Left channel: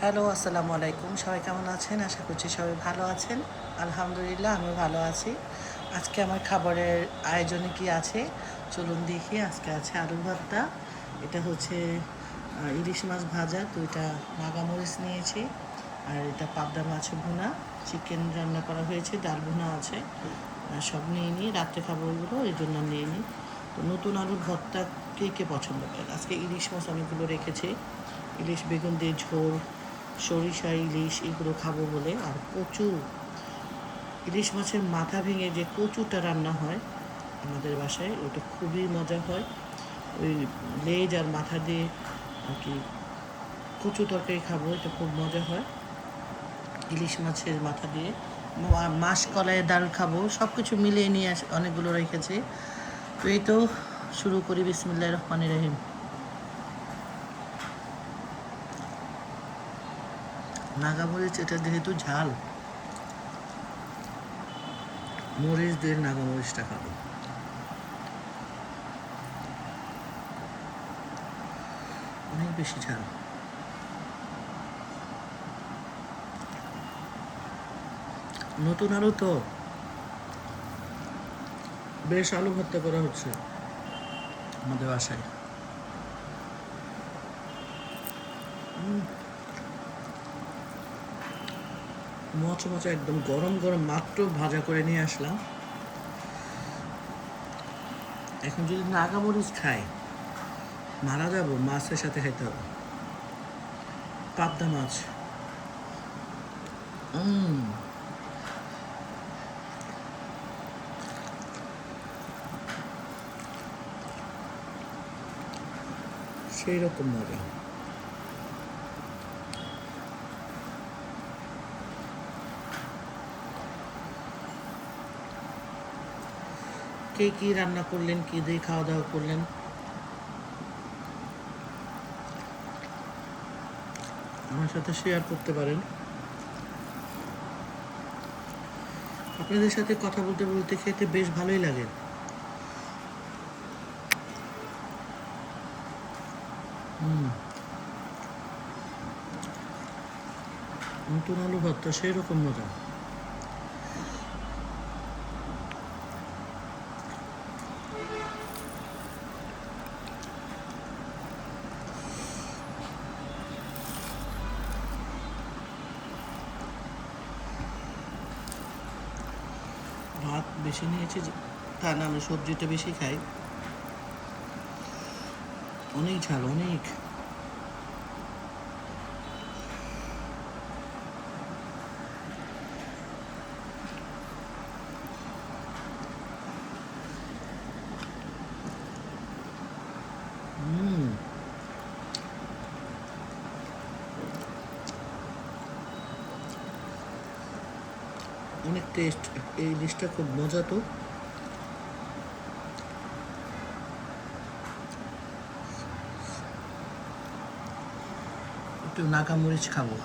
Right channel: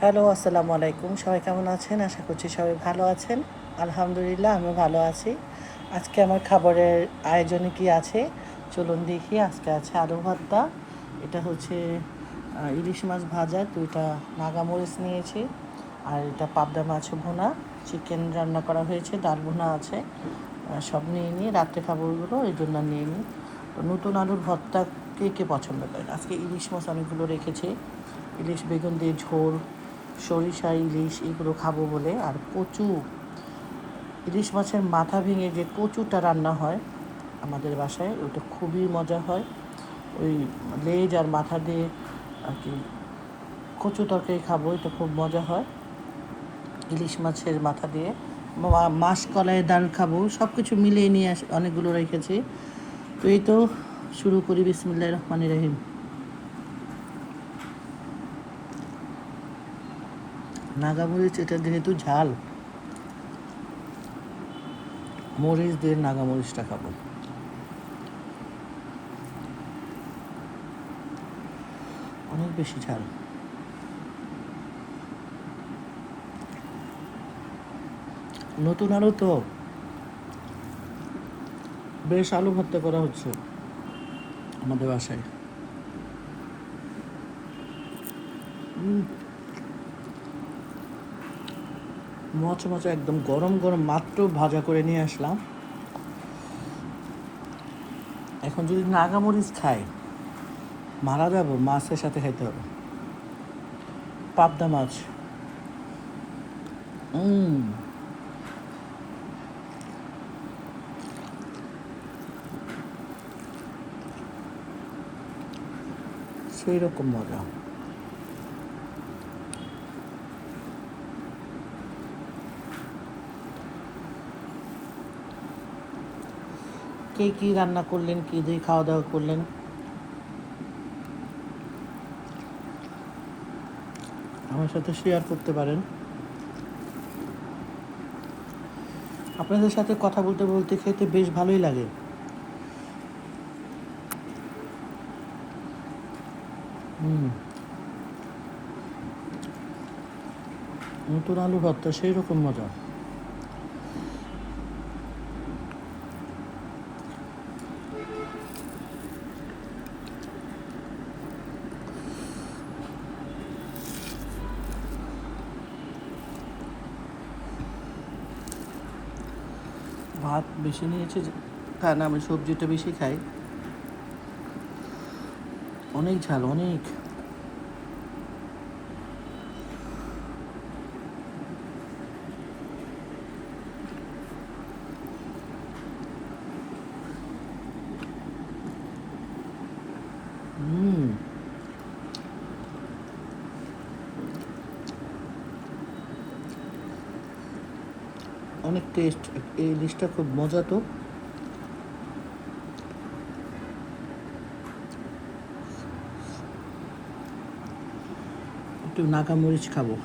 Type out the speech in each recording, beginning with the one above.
Hello, আসসালামু আলাইকুম। সবাই কেমন আছেন? আশা করছি সবাই ভালো আছেন। আলহামদুলিল্লাহ, আমিও ভালো আছি। আজকে আমার খাবারের আয়োজনে কি আছে? চলুন দেখি। আজকে আছে আলু ভর্তা। এটা হচ্ছে ইলিশ মাছ ভাজা, 2টা নাগামরিচ নিয়েছি। আর এটা পাবদা মাছ ভুনা, চিকেন রান্না করা হয়েছে, ডাল ভুনা আছে। সব নিয়ে নিয়ে রাত্রে খাবো ওইগুলো, এই জন্য নিয়ে নিই। তো নতুন আলুর ভর্তা কে কে পছন্দ করেন? আজকে ইলিশ মাছ অনেকগুলো রেখেছি। ইলিশ বেগুন দিয়ে ঝোল, সরিষা ইলিশ এগুলো খাবো বলে। আর কচু, ইলিশ মাছের মাথা ভেঙে যে কচুটা রান্না হয় আমাদের বাসায়, ওটা খুবই মজা হয়। ওই লেজ আর মাথা দিয়ে আর কি কচু তরকারি খাবো, এটা খুব মজা হয়। ইলিশ মাছের মাথা দিয়ে মাসকলাইয়ের ডাল খাবো, সব কিছু মিলিয়ে নিয়ে অনেকগুলো রেখেছি। তো এই তো শুরু করি। বিসমিল্লাহির রহমানির রহিম। নাগামরিচ এটা যেহেতু ঝাল, মরিচ দিয়ে নাগামরিচটা খাবো। অনেক বেশি ঝাল। নতুন আলু তো, বেশ আলু ভর্তা করা হচ্ছে আমাদের বাসায়। মচমচে একদম গরম গরম মাত্র ভাজা করে নিয়ে আসলাম। এখন যদি নাগামরিচ খাই মারা যাবো। মাছের সাথে খাইতে হবে। পাবদা মাছ। সেই রকম মজা। কে কী রান্না করলেন, কী দিয়ে খাওয়া দাওয়া করলেন, আমার সাথে শেয়ার করতে পারেন। আপনাদের সাথে কথা বলতে বলতে খেতে বেশ ভালোই লাগে। নতুন আলু ভর্তা সেই রকম মজা। ভাত বেশি নিয়েছি, তা না আমি সবজিটা বেশি খাই। অনেক ঝাল, অনেক। অনেক টেস্ট। এই ইলিশটা খুব মজা তো। একটু নাগামরিচ খাবো।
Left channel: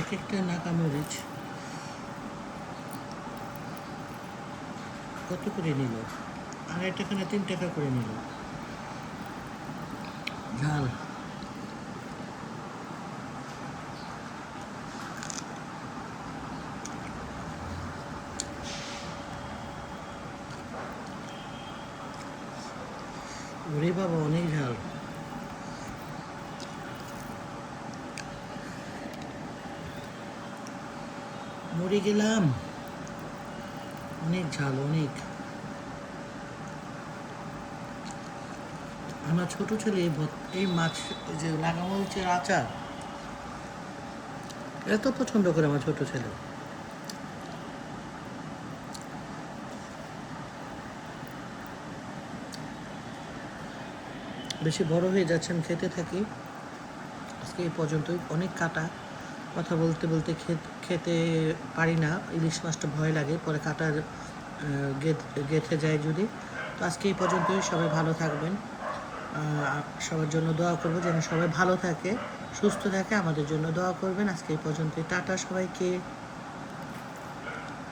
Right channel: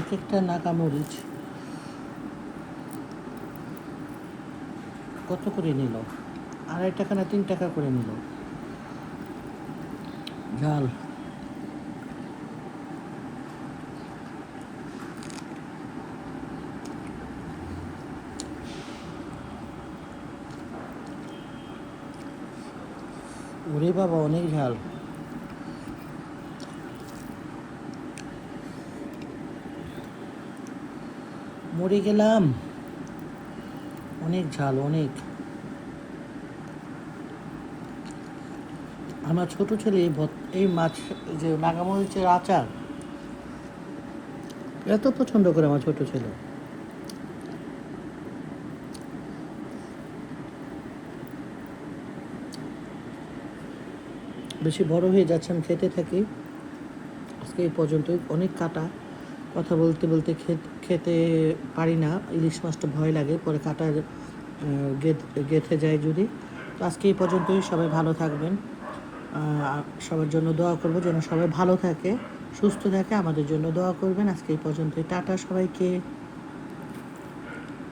এক একটা নাগামরিচ কত করে নিল? 2.5 টাকা না 3 টাকা করে নিল। ঝাল। ওরে বাবা, অনেক ঝাল। মরে গেলাম। অনেক ঝাল, অনেক। আমার ছোট ছেলে এই মাছ, যে নাগামরিচের আচার এত পছন্দ করে আমার ছোট ছেলে। বেশি বড় হয়ে যাচ্ছেন, খেতে থাকি। আজকে এই পর্যন্তই। অনেক কাটা, কথা বলতে বলতে খেতে পারি না। ইলিশ মাছটা ভয় লাগে, পরে কাটা গেঁথে যায় যদি। তো আজকে এই পর্যন্তই। সবাই ভালো থাকবেন। সবার জন্য দোয়া করবো যেন সবাই ভালো থাকে, সুস্থ থাকে। আমাদের জন্য দোয়া করবেন। আজকে এই পর্যন্ত, টাটা সবাইকে।